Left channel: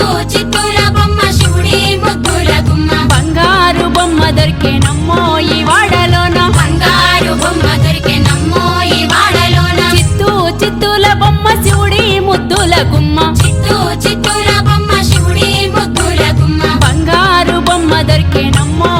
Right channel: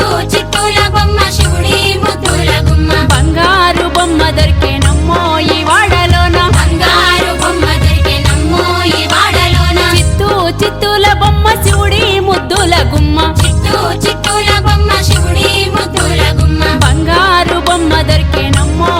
చిత్తూ చిత్తూల బొమ్మ శివుడి ముద్దుల గుమ్మ బంగారు బొమ్మ దొరికేనమ్మో ఈ వాడలోన బంగారు బొమ్మ దొరికెనమ్మో ఈ వాడలోన చిత్తూ చిత్తూల బొమ్మ శివుడి ముద్దుల గుమ్మ చిత్తూ చిత్తూల బొమ్మ శివుడి ముద్దుల గుమ్మ బంగారు బొమ్మ దొరికేనమ్మో